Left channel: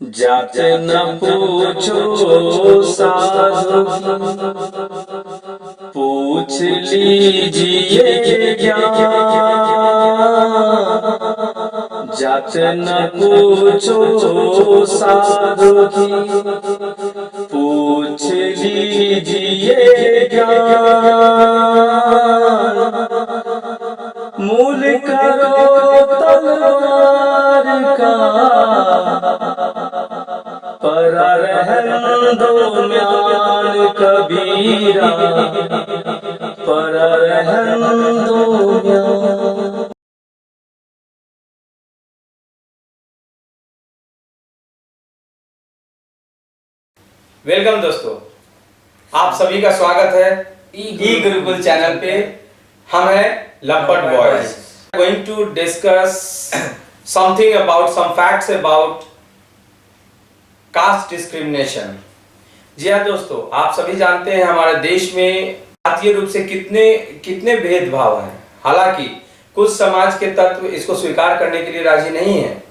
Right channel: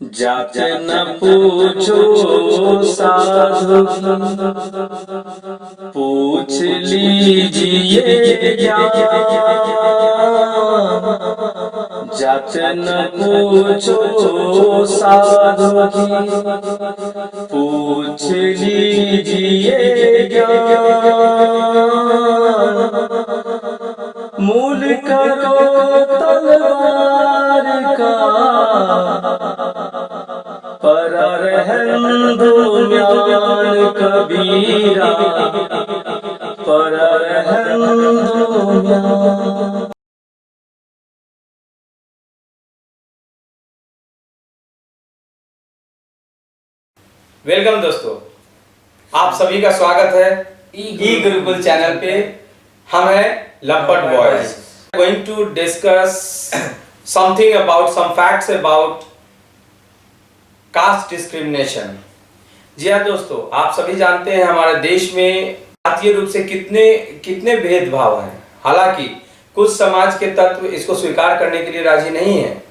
जात न पूछो साधु पूछ लीजिए ज्ञान। जात न पूछो साधु पूछ लीजिए ज्ञान। मूल करो तलवार का पर रहन दो म्यान कबीरा, पर रहन दो म्यान। वेलकम दोस्तों, आप सभी का स्वागत है ई गुरुकुल चैनल पे। हम हैं लपट boys. Going to discuss something about some facts about caste discrimination. जी हाँ दोस्तों, आप सभी जानते हैं हमारे देश में जातीय रूप से कितने भेदभाव हैं। हालांकि कुछ समाज के तत्व इसको स्वीकार करने के लिए राजी नहीं है।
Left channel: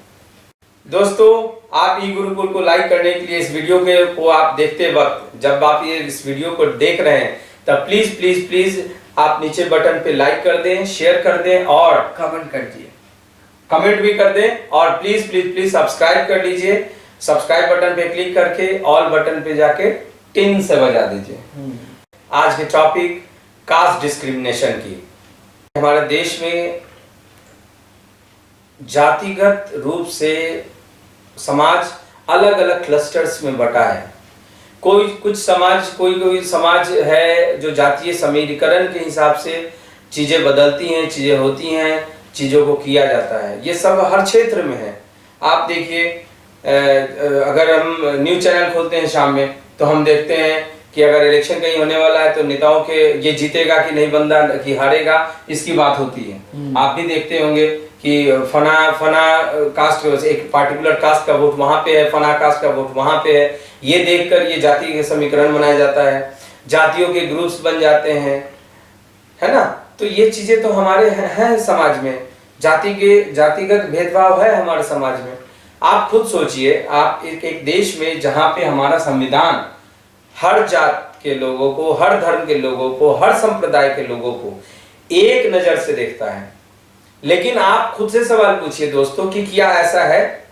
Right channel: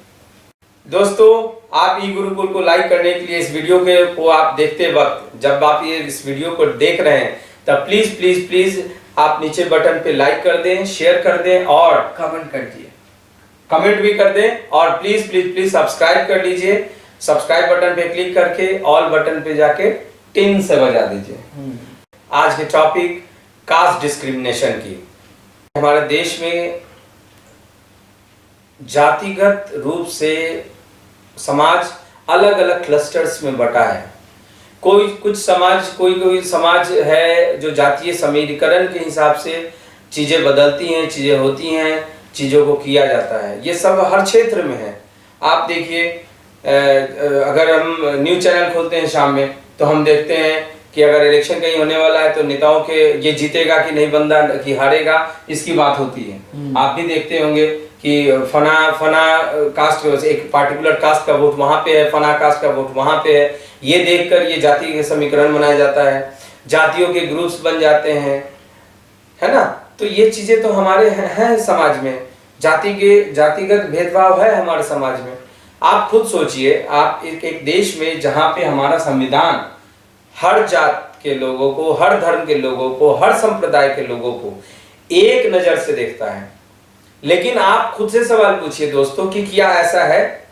दोस्तों, आप ई गुरुकुल को लाइक करने के लिए इस वीडियो को आप देखते वक्त, जब आप ये इस वीडियो को देख रहे हैं, तब प्लीज प्लीज प्लीज आप नीचे बटन पे लाइक कर दें, शेयर कर दें और कमेंट कर दिए, कमेंट भी कर दें। और प्लीज प्लीज प्लीज सब्सक्राइब कर लीजिए। सब्सक्राइब बटन पे क्लिक करके ऑल बटन पे जाके टिन से बजा दीजिए। आज के टॉपिक कास्ट डिस्क्रिमिनेशन की। हमारे देश में जातिगत रूप से समाज अलग अलग क्लस्टर्स में बटा है। कोई समाज है जो जातीय समीकरण के हिसाब से चीजें बदलती हैं, चीजें होती हैं, चीजों को किया जाता है। ये सब हर क्षेत्र में है। आप देखिए, अगर हम न्यूज चैनल खोलते हैं शाम में, तो हम देखते हैं कि अगर इलेक्शन कहीं होने वाला है तो नेताओं के ये जीतेगा कि नहीं, बंदा कि हारेगा, इसकी बात होती है। आप भी देखते होंगे कि फना कास्ट के वजह से एक पार्टिकुलर कास्ट का वोट वहां पे है, फना कास्ट का वोट वहां पे है। ये देखकर ये जाति के समीकरण बनाया जाता है, जातियों के ग्रुप्स बन जाते हैं, है ना। तो ये चीजें तो हमारे हैं समाज में। जातिगत भेदभाव है हमारे समाज में। आप खुद सोचिए, आप एक देश में जहां पे हमारा संविधान हर जात के लोगों को, हर धर्म के लोगों को, हर संप्रदाय के लोगों को एक नजर से देखता है। लेकिन आप खुद से सवाल पूछिए दोस्तों कि क्या ऐसा है?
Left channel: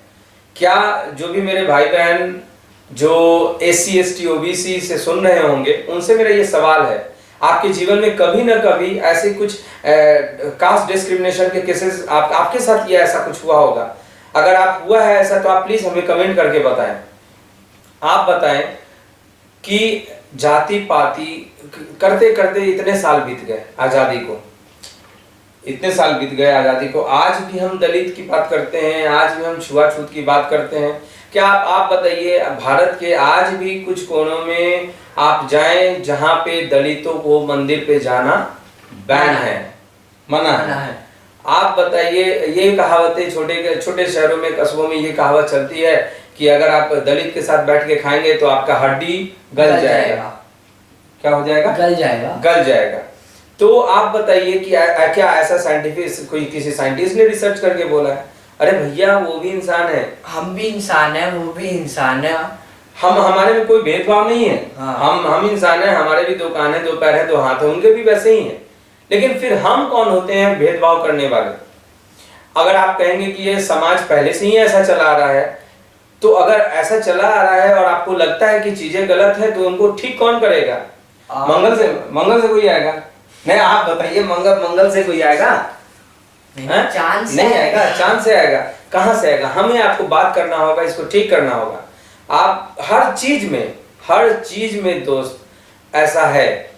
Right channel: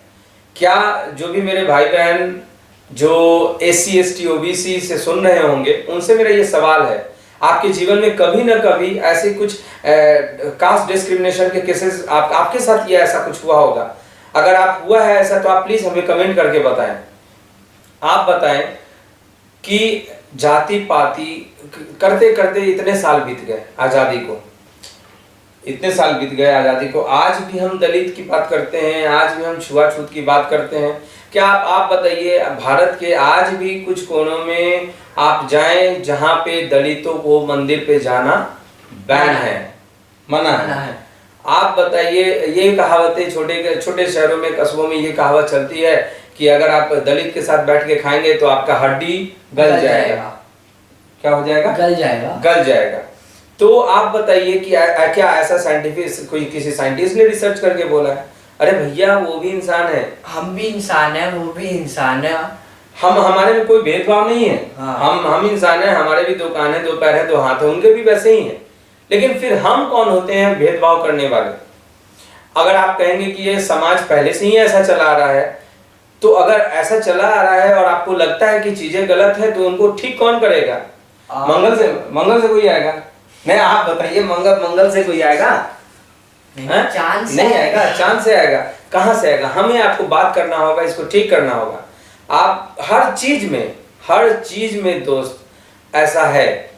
क्या जो भी मेरे भाई बहन जो SC ST OBC से सुन रहे होंगे, उनसे मेरा ये सवाल है, आपके जीवन में कभी ना कभी ऐसे कुछ कास्ट डिस्क्रिमिनेशन के केसेस आपके साथ ये ऐसा कुछ हुआ होगा? अगर आप हुआ है ऐसा, तो आप प्लीज हमें कमेंट करके बताएं। आप बताएं कि जाति पाति करते करते इतने साल बीत गए आजादी को, इतने साल बीत गए आजादी को, आज भी हम दलित की बात करते हैं, आज भी हम छुआछूत की बात करते हैं। क्या आप बताइए, भारत के आज भी कुछ कोनों में आप जाएं जहां पे दलितों को मंदिर पे जाना बैन है, मना है। आप बताइए, ये कहावतें छोटे शहरों में, कस्बों में ये कहावत चलती है कि अगर आप दलित के साथ बैठ के खाएंगे तो आपका हड्डी गल जाएगा। क्या हो जाएगा? गल जाएगा। तो आप बताइए कि क्या ऐसा साइंटिफिक कोई किसी साइंटिस्ट ने रिसर्च करके बोला है? अरे भैया, वो भी इंसान है, हम भी इंसान है, वो भी इंसान है। हमारे में कोई भेदभाव नहीं है। हाँ। हम इंसान है, हमारे भी दो कान है, दो पैर है, दो हाथ है, उनके भी वैसे ही है। लेकिन फिर हम कौन होते हैं भेदभाव करने वाले? अगर आप कहेंगे कि ये समाज पहले से ही ऐसा चला आ रहा है, तो अगर ऐसा चला आ रहा है और आपको लगता है कि चीजें गलत है, तो उनको ठीक कौन करेगा? मंगल से कोई आएगा? नहीं, आप बताइए, मंगल से कोई आएगा? चांद नहीं आएगा। चांद से आएगा? कहां से आएगा? हमें आपको बात करना होगा, इसको ठीक करना होगा। आप हर चीज में दोस्त ऐसा है।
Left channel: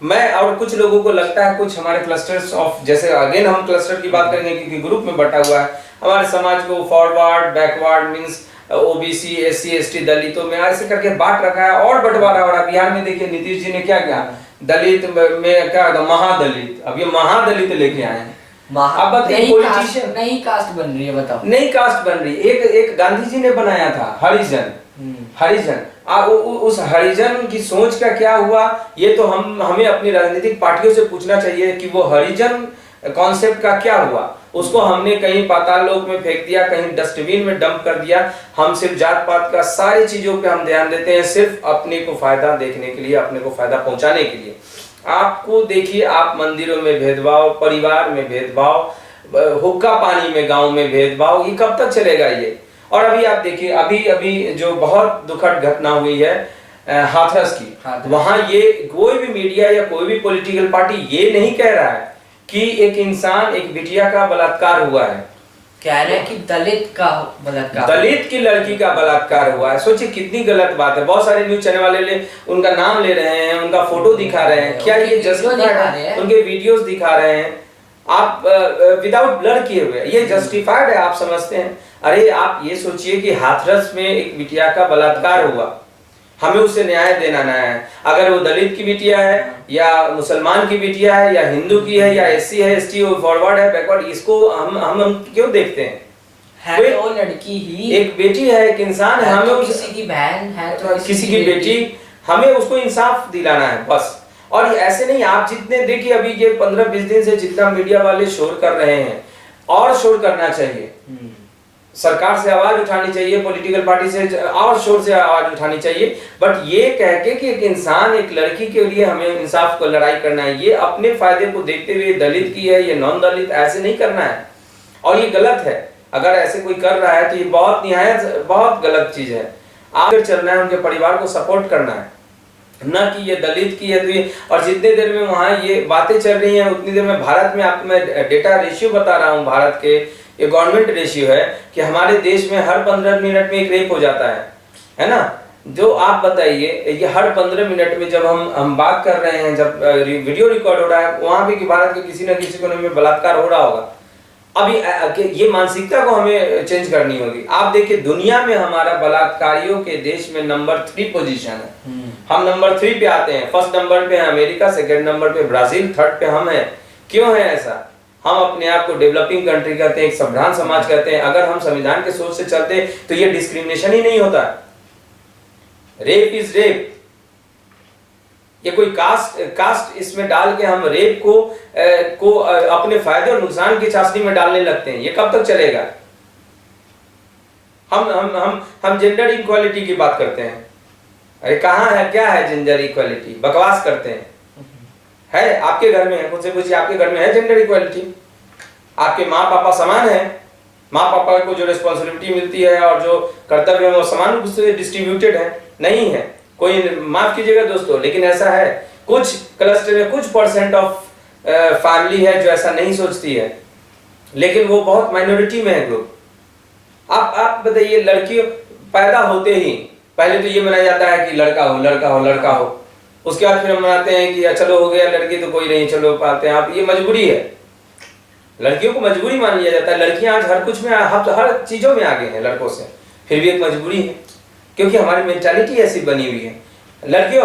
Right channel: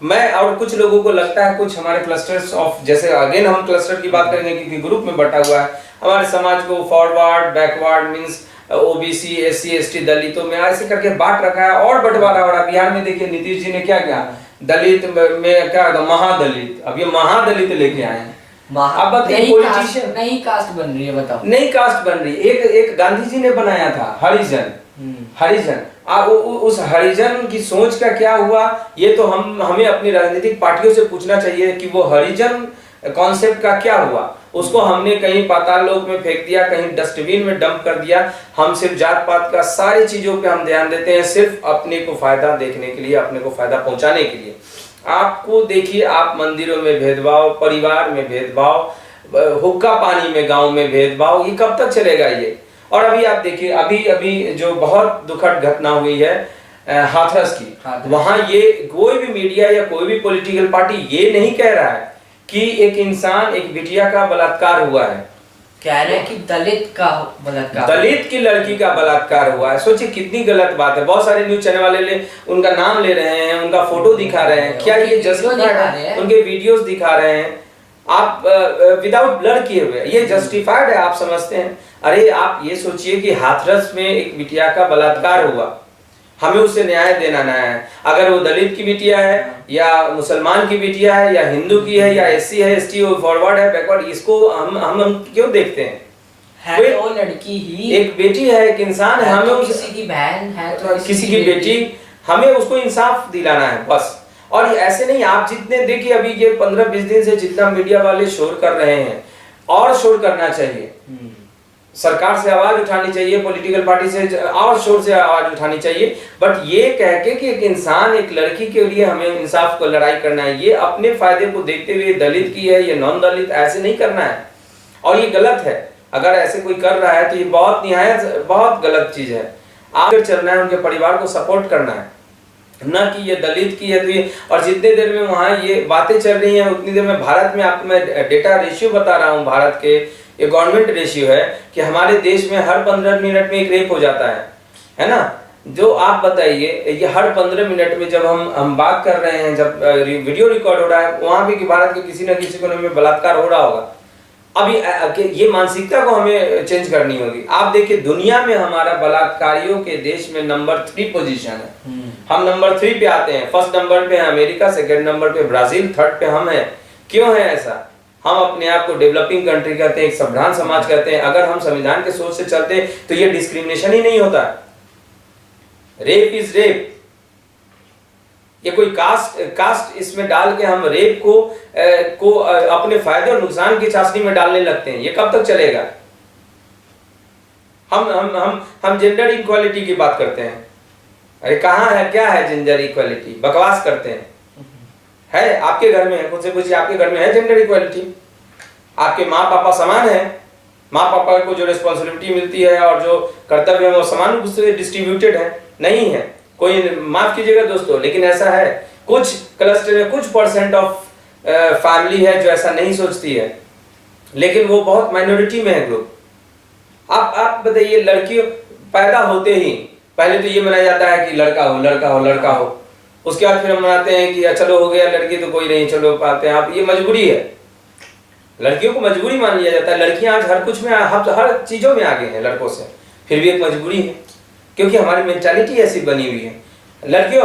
मैं और कुछ लोगों को लगता है, कुछ हमारे क्लस्टर्स ऑफ, जैसे अगेन हम क्लस्टर की बात करेंगे क्योंकि ग्रुप में बटा हुआ है हमारे समाज को, forward, backward means OBC SC ST दलितों में ऐसे करके बांट रखा है और बंटवारा हो रहा है। बिहार में देखिए, नीतीश जी ने क्या किया, दलित में क्या था, महादलित। अब ये महादलित लेके आए हैं। अब बताइए, पॉलिटिशियन नई कास्ट बन रही है, बताओ। नई कास्ट बन रही है। एक गांधी जी ने बनाया था हरिजन। उस हरिजन की सोच का क्या हुआ, ये तो हमें अपनी राजनीतिक पार्टियों से पूछना चाहिए कि वो हरिजन कॉन्सेप्ट का क्या हुआ। उसको हमने कहीं पाताल लोक में फेंक दिया, कहीं डस्टबिन में डंप कर दिया। हम सिर्फ जात पात का सारी चीजों पे हम ध्यान देते हैं, सिर्फ अपने को फायदा देखने के लिए, अपने को फायदा पहुंचाने के लिए। आपको देखिए, आप मंदिरों में भेदभाव, परिवार में भेदभाव, हुक्का पानी में गांव में भेदभाव, ये कब तक चलेगा ये? और अभी आप देखिए, अभी अभी जो बहुत दुखद घटना हुई है हाथरस की, वहां ये कोई भी मीडिया या कोई भी पॉलिटिकल पार्टी ये नहीं कह रहा है कि एक इंसान, एक बिटिया का बलात्कार हुआ है, कह रहे हैं कि दलित का बलात्कार, दलित की लड़की का बलात्कार हुआ है। सोचिए कितनी गलत बात है। बहुत सारे न्यूज चैनल वाले उनका नाम ले रहे हैं, उनका फोटो दिखा रहे हैं, क्या ये जस्टिफाइड है? उनके वीडियोस दिखा रहे हैं, आप विदाउट ब्लर किए हुए, ये जस्टिफाइड है? आप समझते हैं? अरे आप ये सोचिए कि हाथरस में एक बिटिया का बलात्कार हुआ, हमें उसे न्याय देना ना है। अगर वो दलित की बिटिया है या मुसलमान की बिटिया है या हिंदू की है या एससी है, एसटी, फॉरवर्ड है, बैकवर्ड, इसको हम क्यों देखते हैं? है तो लड़की ही, एक बेटी है, एक इंसान है, हमें तो किसी की बहन है तो किसी की बेटी, हमें उसको इंसाफ दिलाना है बस। और ऐसे नहीं, आप जितने देखिए अभी ये 15-20 दिन से जितना मीडिया वाले शोर कर रहे हैं, और शोर करना चाहिए, सरकार से आवाज उठानी चाहिए, पॉलिटिकल पार्टी से और शोर से आवाज उठानी चाहिए, बट ये कह के कि एक इंसान, एक लड़की के लिए हमें इंसाफ को लड़ाई करना है, ये अपने फायदे को देखते हुए दलित की है या नॉन दलित, ऐसे नहीं करना है। और ये गलत है, अगर ऐसे कोई कर रहा है तो ये बहुत निहायत बहुत गलत चीज है। आगे चलना है, उनके परिवार को सपोर्ट करना है, ना कि ये दलित की है तो ये। और जितने देर में वहाँ ये बातें चल रही हैं, उतनी देर में भारत में, आपको मैं डेटा रेशियो बता रहा हूँ, भारत के ये गवर्नमेंट रेशियो है कि हमारे देश में हर 15 मिनट में एक रेप हो जाता है ना? जो आप बताइए, ये हर 15 मिनट में जब हम बात कर रहे हैं, जब वीडियो रिकॉर्ड हो रहा है, वहां भी कि भारत के किसी न किसी कोने में बलात्कार हो रहा होगा। अभी ये मानसिकता को हमें चेंज करनी होगी। आप देखिए, दुनिया में हमारा बलात्कारियों के देश में नंबर 3 पोजीशन है, हम नंबर 3 पे आते हैं। फर्स्ट नंबर पे है अमेरिका, सेकंड नंबर पे ब्राजील, थर्ड पे हम हैं। क्यों है ऐसा? हम अपने आप को डेवलपिंग कंट्री कहते हैं, एक सभ्रांत समाज कहते हैं। अगर हम संविधान के सोच से चलते तो ये डिस्क्रिमिनेशन ही नहीं होता। रेप इज रेप, ये कोई कास्ट इसमें डाल के हम रेप को अपने फायदे और नुकसान की चाशनी में डालने लगते हैं, ये कब तक चलेगा? हम जेंडर इक्वालिटी की बात करते हैं। अरे कहाँ है, क्या है जेंडर इक्वालिटी? बकवास करते हैं। है आपके घर में है, खुद से पूछिए, आपके घर में है जेंडर इक्वालिटी? आपके माँ पापा समान है? माँ पापा को जो रिस्पॉन्सिबिलिटी मिलती है और जो कर्तव्य है वो समान रूप से डिस्ट्रीब्यूटेड है? नहीं है। कोई, माफ कीजिएगा दोस्तों, लेकिन ऐसा है, कुछ क्लस्टर में कुछ % ऑफ फैमिली है जो ऐसा नहीं सोचती है, लेकिन वो बहुत माइनॉरिटी में है ग्रुप। आप बताइए, लड़की पैदा होते ही पहले तो ये मनाया जाता है कि लड़का हो, लड़का हो, लड़का हो। उसके बाद फिर हम मनाते हैं कि चलो हो गया लड़की तो कोई नहीं, चलो पाते हैं आप। ये मजबूरी है, लड़कियों को मजबूरी मान लिया जाता है। लड़कियां आज हर कुछ में, हर चीजों में आगे हैं लड़कों से, फिर भी एक मजबूरी है, क्योंकि हमारी मेंटालिटी ऐसी बनी हुई है। लड़कियों,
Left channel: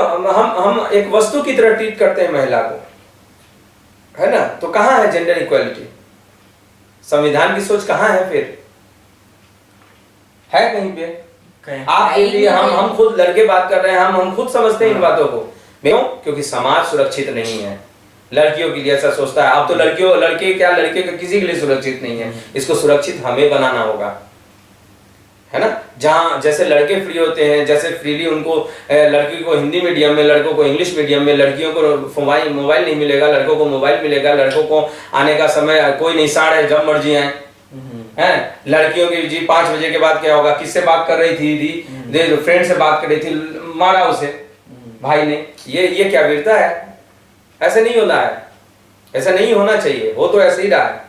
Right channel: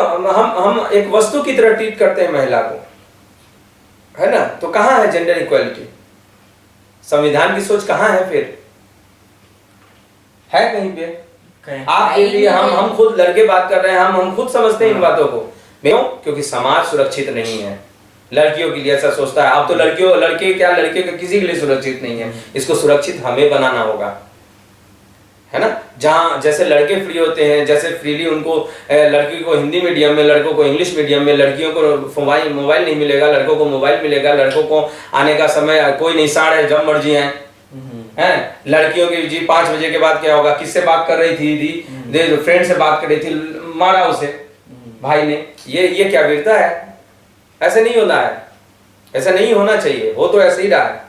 हम एक वस्तु की तरह ट्रीट करते हैं महिला को, है ना? तो कहाँ है जेंडर इक्वालिटी? संविधान की सोच कहाँ है? फिर है कहीं पे? आपके लिए हम खुद लड़के बात कर रहे हैं, हम खुद समझते हैं इन बातों को। क्यों? क्योंकि समाज सुरक्षित नहीं है लड़कियों के लिए, ऐसा सोचता है। अब तो लड़के क्या, लड़के का किसी के लिए सुरक्षित नहीं है। इसको सुरक्षित हमें बनाना होगा, है ना? जहाँ जैसे लड़के फ्री होते हैं, जैसे फ्रीली उनको, लड़की को हिंदी मीडियम में, लड़कों को इंग्लिश मीडियम में, लड़कियों को मोबाइल नहीं मिलेगा, लड़कों को मोबाइल मिलेगा। लड़कों को आने का समय कोई नहीं, साढ़े जब मर्जी आए, हैं? लड़कियों की जी 5 बजे के बाद क्या होगा? किससे बात कर रही थी दी? फ्रेंड से बात कर रही थी, मारा उसे भाई ने। ये क्या वीरता है? ऐसे नहीं होना है, ऐसा नहीं होना चाहिए। वो तो ऐसे ही रहा है।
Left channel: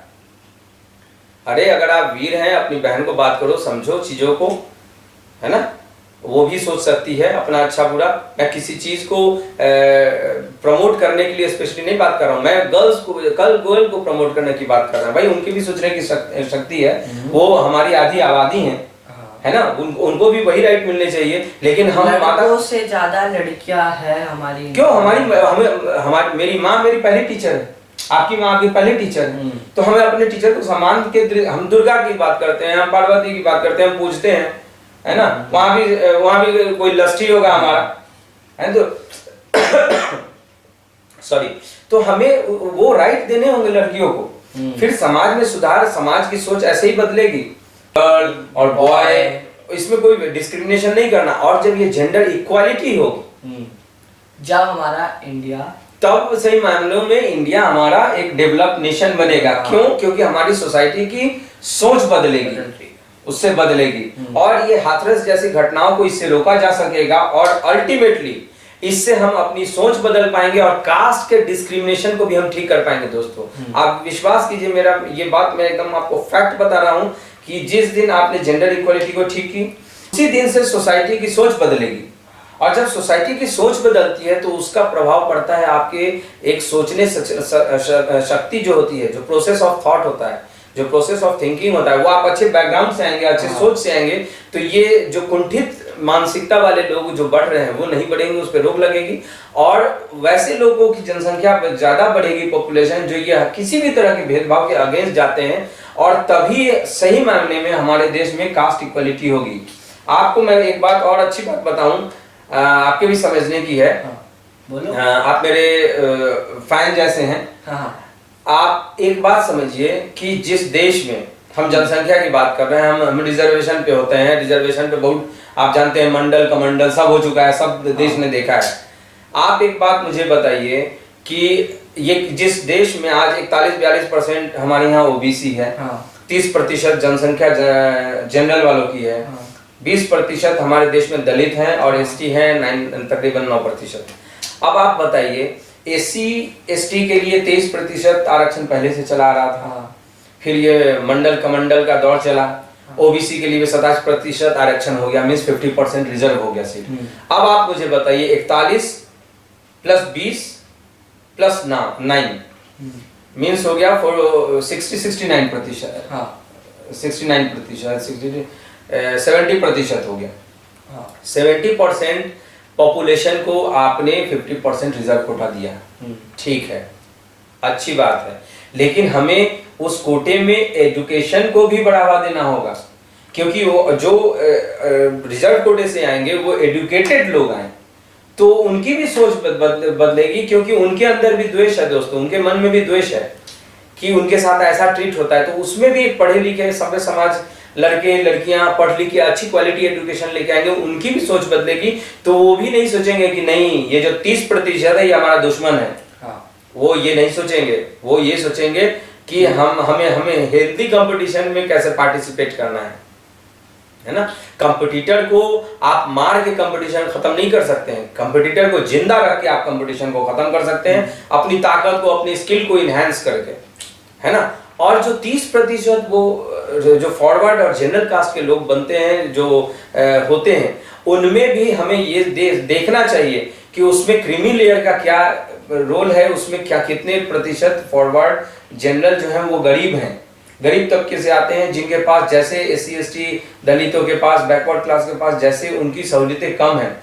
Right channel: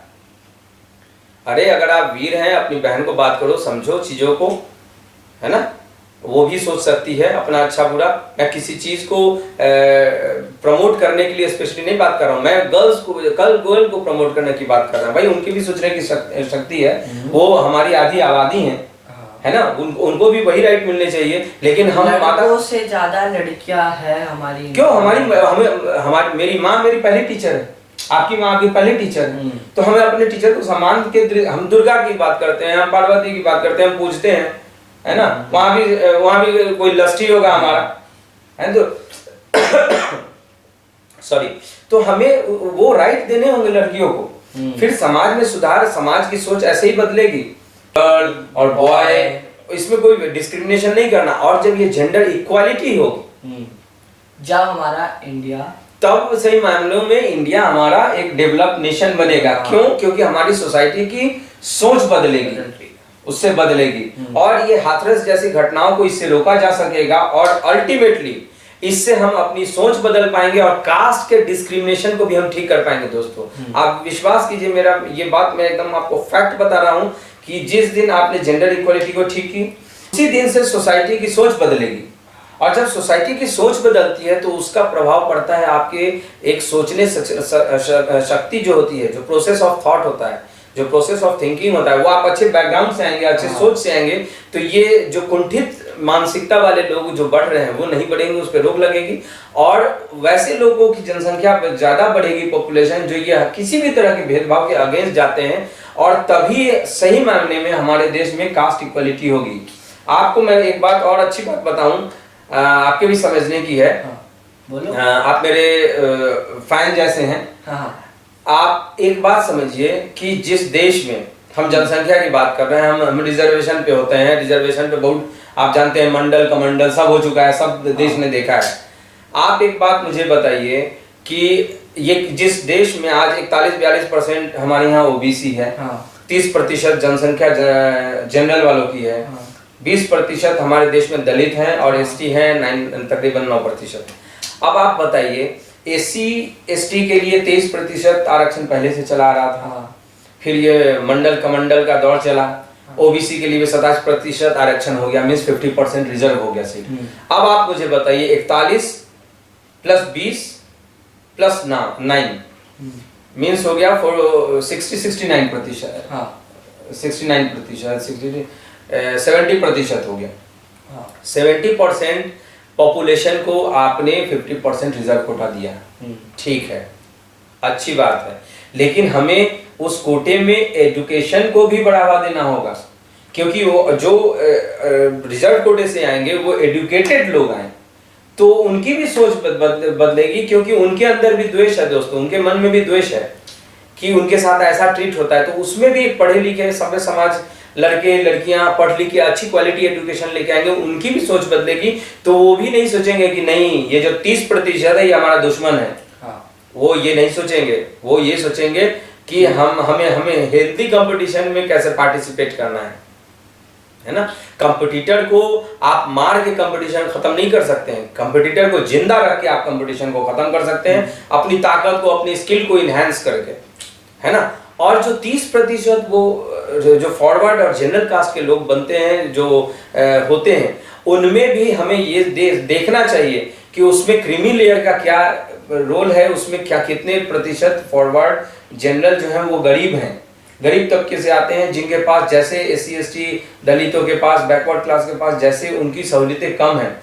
अरे अगर आप वीर हैं, अपनी बहन को बात करो, समझो चीजों को, है ना? वो भी सोच सकती है अपना अच्छा बुरा। मैं किसी चीज को प्रमोट करने के लिए स्पेशली नहीं बात कर रहा हूँ, मैं गर्ल को प्रमोट करने की बात कर रहा हूँ। भाई उनकी भी सोचने की शक्ति है, वो हमारी आधी आबादी है ना? उनको भी वही राइट मिलने चाहिए। लेकिन हम माता से ज्यादा लड़कियां है हमारी। क्यों? हमारी मेरी माँ मेरी पहली टीचर है, आपकी माँ आपकी पहली टीचर है। तो हमें अपने टीचर को सम्मान के, हम दुर्गा की बात करते हैं, हम पार्वती की बात करते हैं, हम पूजते हैं, है ना? वहां भी कोई लस्टी होगा हमारा, है तो सॉरी। तो हमें वो राइट देने होंगे लड़कियों को। फिर समाज में सुधार, समाज की सोच ऐसे ही बदलेगी। गर्ल और बॉय, इसमें कोई डिस्क्रिमिनेशन नहीं करना। और जब ये जेंडर इक्वालिटी होगी, जब हमारा इंडिया, तब सही मामलों में इंडिया हमारा एक डेवलप नेशन बनेगा। क्यों? क्योंकि हमारी सोसाइटी की सोच बदलेगी, उससे बदलेगी। और ये हाथरस जैसी घटनाओं को इससे रोका जा सकेगा, और अल्टीमेटली इससे हम अपनी सोच बदल पाएंगे और कास्ट के डिस्क्रिमिनेशन को भी हम ठीक कर पाएंगे। दोस्तों, आप विश्वास कीजिए, मेरा ये बात मैं एकदम आपको फैक्ट बता रहा हूं कि जिस दिन आपने जेंडर इक्वालिटी को ठीक की, उसी दिन से सोसाइटी की सोच बदलेगी। और जब सोसाइटी की सोच बदलती है तो उसका प्रभाव पड़ता है आपके एक सोचने शक्ति जो होती है, जो प्रोसेस ऑफ थॉट होता है, जो प्रोसेस ऑफ थिंकिंग होता है, वो आप अच्छे बैकग्राउंड से आएंगे, अच्छे सोच से आएंगे, तो ये जो कुंठित मानसिकता वाले लोग जो बढ़ रहे हैं वो नहीं बढ़ेंगे, उस पर रोक लगेगी। और वैसे लोगों की जनसंख्या ज्यादा बढ़ेगी, पॉपुलेशन, जो ये किसी भी तरह के भेदभाव के अगेंस्ट जाते हैं, और तभी सही मायने में हमारे देश में कास्ट इक्वलिटी होगी। आपको मैं एक बात और अच्छी बात बताऊं, आपके भी समझने की है। बोलो। आप मेरे फैन जैसे हैं। हाँ। आप एक बात समझिए कि जिस देश में हम जनसंख्या की बात कर रहे हैं, हम रिजर्वेशन पे होते हैं, रिजर्वेशन पे बहुत, आप जानते हैं, मंडल कमंडल सब हो चुका है, सब देश ने देखा है। आप एक बात मुझे बताइए कि ये जिस देश में आज 41-42% हमारे यहाँ ओबीसी है, 30% जनसंख्या जनरल वालों की है, 20% हमारे देश में दलित हैं और एसटी हैं तकरीबन 9%। अब आप बताइए, एससी एसटी के लिए 23% आरक्षण पहले से चला आ रहा था, फिर ये मंडल कमंडल का दौर चला, ओबीसी के लिए भी 27% आरक्षण हो गया, मीन्स 50% रिजर्व हो गया सीट। अब आप मुझे बताइए, 41 + 20 + 9 मीन्स हो गया 69%। 70% हो गया। 70% पॉपुलेशन को आपने 50% रिजर्व कोटा दिया, ठीक है, अच्छी बात है, लेकिन हमें उस कोटे में एजुकेशन को भी बढ़ावा देना होगा, क्योंकि वो जो रिजर्व कोटे से आएंगे वो एजुकेटेड लोग आए तो उनकी भी सोच बदलेगी, क्योंकि उनके अंदर भी द्वेष है। दोस्तों, उनके मन में भी द्वेष है कि उनके साथ ऐसा ट्रीट होता है, तो उसमें भी पढ़े लिखे सभ्य समाज, लड़के लड़कियां पढ़ लिख के अच्छी क्वालिटी एजुकेशन लेके आएंगे, उनकी भी सोच बदलेगी। तो वो भी नहीं सोचेंगे कि नहीं, ये जो 30% है ये हमारा दुश्मन है। वो ये नहीं सोचेंगे, वो ये सोचेंगे कि हमें हेल्दी कंपटीशन में कैसे पार्टिसिपेट करना है ना। कंपटीटर को आप मार के कंपटीशन खत्म नहीं कर सकते हैं, कंपटीटर को जिंदा रख के आप कंपटीशन को खत्म कर सकते हैं, अपनी ताकत को, अपनी स्किल को इनहेंस करके, है ना। और जो 30% वो जो फॉरवर्ड और जनरल कास्ट के लोग बनते हैं, जो होते हैं, उनमें भी हमें ये देखना चाहिए कि उसमें क्रीमी लेयर का क्या रोल है, उसमें क्या कितने प्रतिशत फॉरवर्ड जनरल जो है वो गरीब हैं, गरीब तबके से आते हैं, जिनके पास जैसे एससी एसटी दलितों के पास, बैकवर्ड क्लास के पास जैसे उनकी सहूलियतें कम हैं,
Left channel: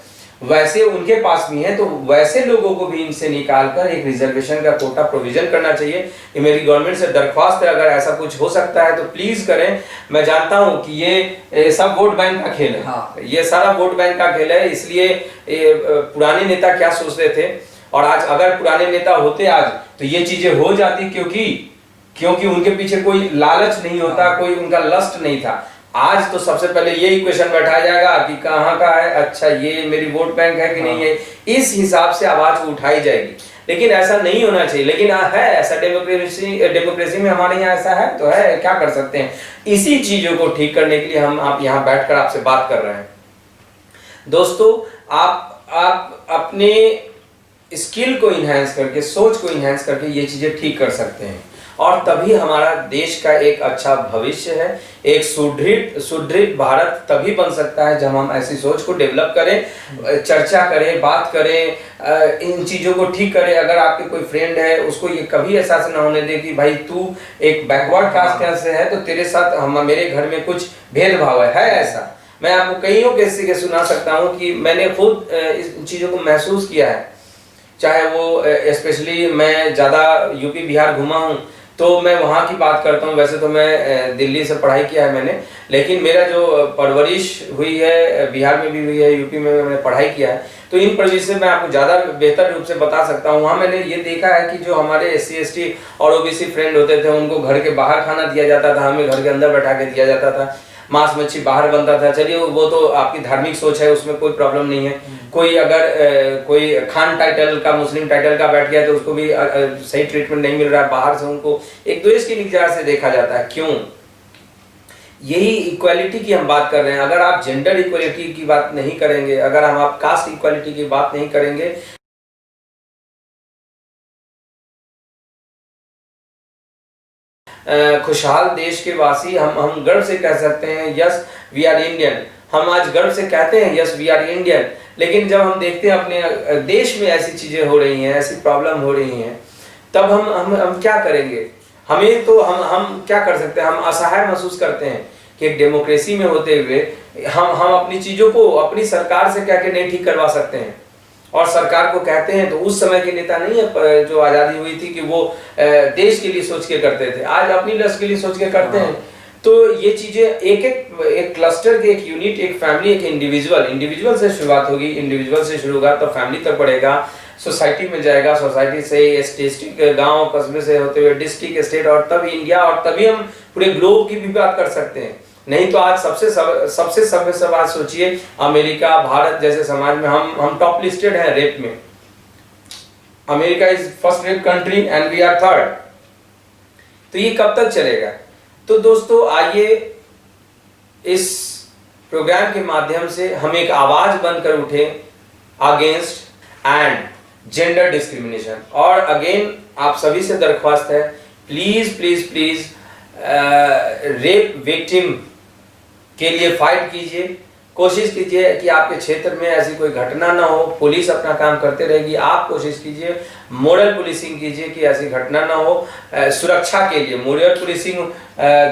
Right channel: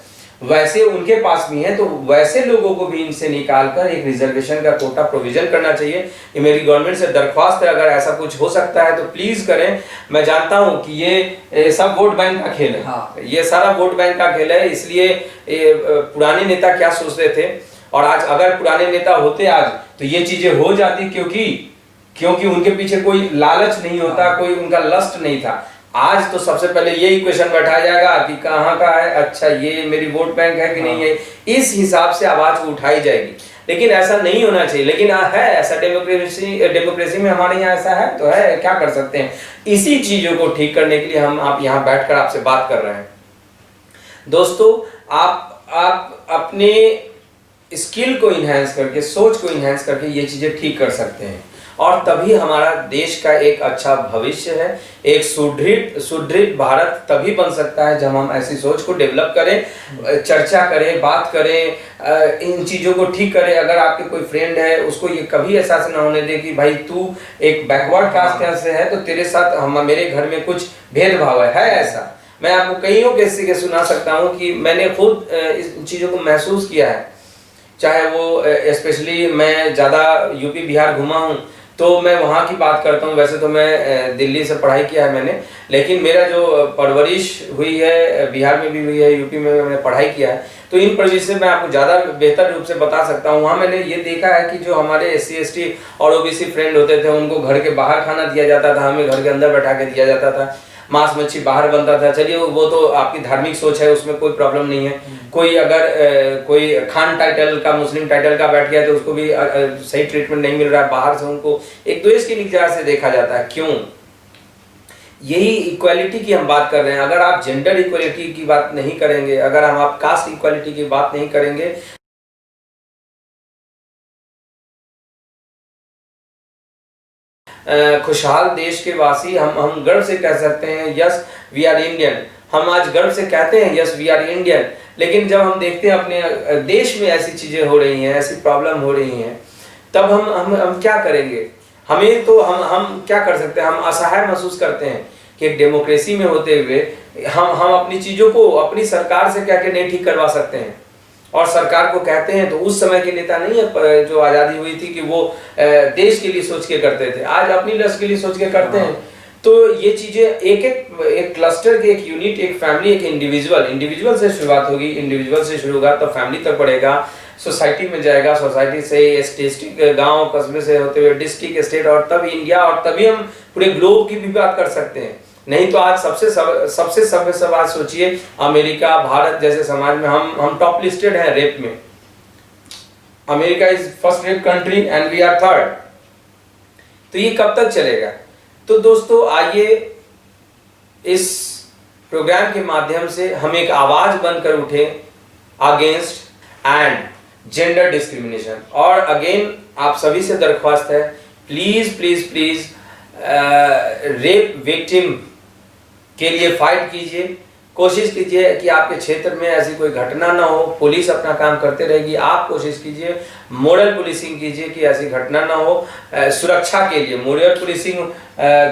वैसे उनके पास भी हैं। तो वैसे लोगों को भी इनसे निकालकर एक रिजर्वेशन का कोटा प्रोविजन करना चाहिए। ये मेरी गवर्नमेंट से दरख्वास्त है, अगर ऐसा कुछ हो सकता है तो प्लीज करें। मैं जानता हूं कि ये सब वोट बैंक का खेल है, ये सारा वोट बैंक का खेल है, इसलिए पुराने नेता क्या सोचते थे, और आज अगर पुराने नेता होते आज तो ये चीजें हो जाती, क्योंकि उनके पीछे कोई लालच नहीं होता, कोई उनका लस्ट नहीं था। आज तो सबसे पहले यही क्वेश्चन बैठाया जाएगा कि कहाँ का है, अच्छा ये मेरी वोट बैंक है कि नहीं है, इस हिसाब से आवाज उठाई जाएगी। लेकिन ऐसा नहीं होना चाहिए, लेकिन है ऐसा, डेमोक्रेसी में हमारे यहाँ ऐसा है, तो है, क्या कर सकते हैं। इसी चीजों को ठीक करने के लिए हम आप यहाँ बैठकर आपसे बात कर रहे हैं। दोस्तों, आप अपने स्किल को इनहेंस करके, सोच को इनहेंस करके ये चीजें ठीक कर सकते हैं, और तभी हमारा देश का एक अच्छा भविष्य है, एक सुदृढ़ भारत तभी बन सकता है जब हम ऐसी सोच को डेवलप करें, चर्चा करें, बात करें, इन चीज़ों को ठीक करें। अगर आपके कोई फ्रेंड है, उसको ये कभी एहसास ना होने दे कि भाई तू एक बैकवर्ड कास्ट से है तो तेरे साथ मेरे घर में कुछ भेदभाव है ऐसा। मैं आपको कईयों किस्से के सुना सकता हूँ कि मैंने खुद इस चीज़ों को महसूस किया है, चाहे वो स्पेशली मैं ज़्यादा यूपी बिहार घुमा हूँ, तो मैं वहाँ की बात करता हूँ। वैसे तो मैं दिल्ली से पढ़ाई किया है मैंने, लेकिन मेरा जो परवरिश हुई है बिहार में भी हुई है, यूपी में मैंने पढ़ाई किया है, तो इन परिवेश से मैं आपको ज़्यादा बेहतर रूप से बता सकता हूँ। वहाँ मैंने ये देखा है कि जो हमारे SC ST और OBC फ्रेंड होते थे, उनको घर के बाहर खाना दिया जाता था, हमें घर के अंदर बैठा के दिया जाता था। मांस मच्छी बाहर बनता था। चलिए वो तो आपकी धार्मिक सोच है, उसमें कोई प्रॉब्लम नहीं है। कोई अगर कोई खान टाइटल का, मुस्लिम टाइटल का बैठ गया तो उसको भी सही ट्रीटमेंट नहीं मिल रहा है। बाहर से उनको एक द्वेष की निगाह से देखा जाता है। क्यों? यही इक्वालिटी की हम बात कर रहे हैं। अगर आप जेंडर इक्वालिटी की बात नहीं करेंगे, अगर हम आप कास्ट इक्वालिटी की बात नहीं करेंगे, खुशहाल देश के वासी हम गर्व से कह सकते हैं यस वी आर इंडियन। हम आज गर्व से कहते हैं यस वी आर इंडियन, लेकिन जब हम देखते हैं अपने देश में ऐसी चीजें हो रही हैं, ऐसी प्रॉब्लम हो रही हैं, तब हम क्या करेंगे? हमें तो हम क्या कर सकते हैं? हम असहाय महसूस करते हैं कि एक डेमोक्रेसी में होते हुए हम अपनी चीजों को अपनी सरकार से कह के नहीं ठीक करवा सकते हैं। और सरकार को कहते हैं तो उस समय के नेता नहीं है जो आज़ादी हुई थी कि वो देश के लिए सोच के करते थे, आज अपनी लक्ष्य के लिए सोच के करते हैं। तो ये चीजें एक क्लस्टर के, एक यूनिट, एक फैमिली, एक इंडिविजुअल से शुरुआत होगी। इंडिविजुअल से शुरू होगा तो फैमिली तक बढ़ेगा, सोसाइटी में जाएगा, सोसाइटी से डिस्ट्रिक्ट, गांव कस्बे से होते हुए डिस्ट्रिक्ट, स्टेट, और तब इंडिया, और तभी हम पूरे ग्लोब की भी बात कर सकते हैं। नहीं तो आज सबसे सभ्य समाज सोचिए, अमेरिका, भारत जैसे समाज में हम टॉप लिस्टेड हैं रेप में। America is first rape country and we are third. तो ये कब तक चलेगा? तो दोस्तों आइए इस प्रोग्राम के माध्यम से हम एक आवाज बनकर उठे अगेंस्ट एंड जेंडर डिस्क्रिमिनेशन। और अगेन आप सभी से दरख्वास्त है, please please please rape victim के लिए फाइट कीजिए। कोशिश कीजिए कि आपके क्षेत्र में ऐसी कोई घटना ना हो। पुलिस अपना काम करते रहेगी, आप कोशिश कीजिए, मोरल पुलिसिंग कीजिए कि ऐसी घटना ना हो। सुरक्षा के लिए मोरल पुलिसिंग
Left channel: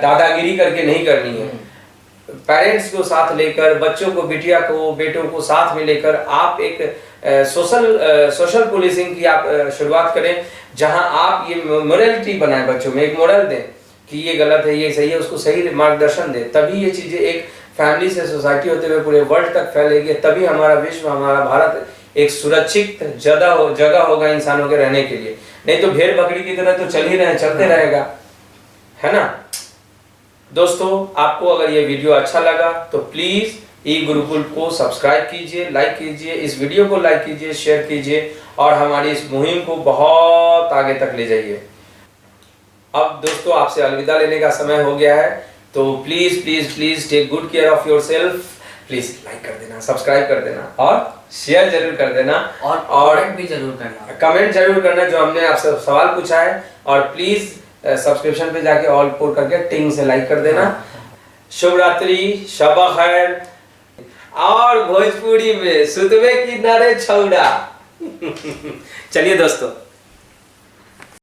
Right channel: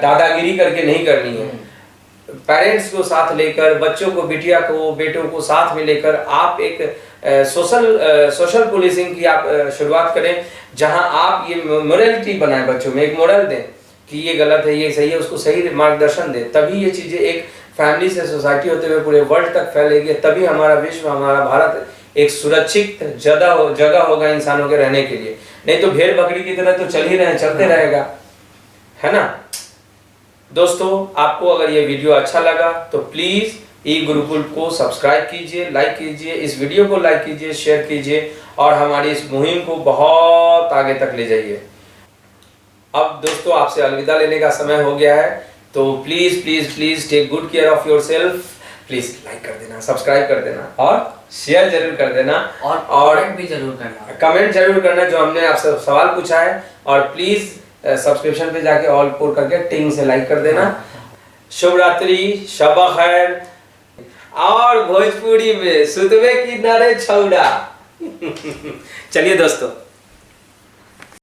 दादागिरी करके नहीं करनी है। पेरेंट्स को साथ लेकर, बच्चों को, बिटिया को, बेटों को साथ में लेकर आप एक सोशल पुलिसिंग की आप शुरुआत करें, जहां आप ये मोरलिटी बनाएं, बच्चों में एक मोरल दें कि ये गलत है, ये सही है, उसको सही मार्गदर्शन दें। तभी ये चीजें एक फैमिली से सोसाइटी होते हुए पूरे वर्ल्ड तक फैलेगी। तभी हमारा विश्व, हमारा भारत एक सुरक्षित जगह होगा इंसानों के रहने के लिए। नहीं तो भेड़ बकरी की तरह तो चलते रहेगा, है ना। दोस्तों आपको अगर ये वीडियो अच्छा लगा तो प्लीज ई गुरुकुल को सब्सक्राइब कीजिए, लाइक कीजिए, इस वीडियो को लाइक कीजिए, शेयर कीजिए, और हमारी इस मुहिम को बहुत आगे तक ले जाइए। अब दोस्तों आपसे अलविदा लेने का समय हो गया है, तो please please please take good care of yourself. Please like कर देना, सब्सक्राइब कर देना और शेयर जरूर कर देना, और कमेंट भी जरूर करना, कमेंट जरूर करना जो हमने आपसे सवाल पूछा है। और प्लीज सब्सक्रिप्शन पे जाके ऑल पोल करके टिंग से लाइक कर देना। शुभ रात्रि, शब खैर। और भोजपुरी में सुतवे की नरे छौड़ा। चलिए दोस्तों।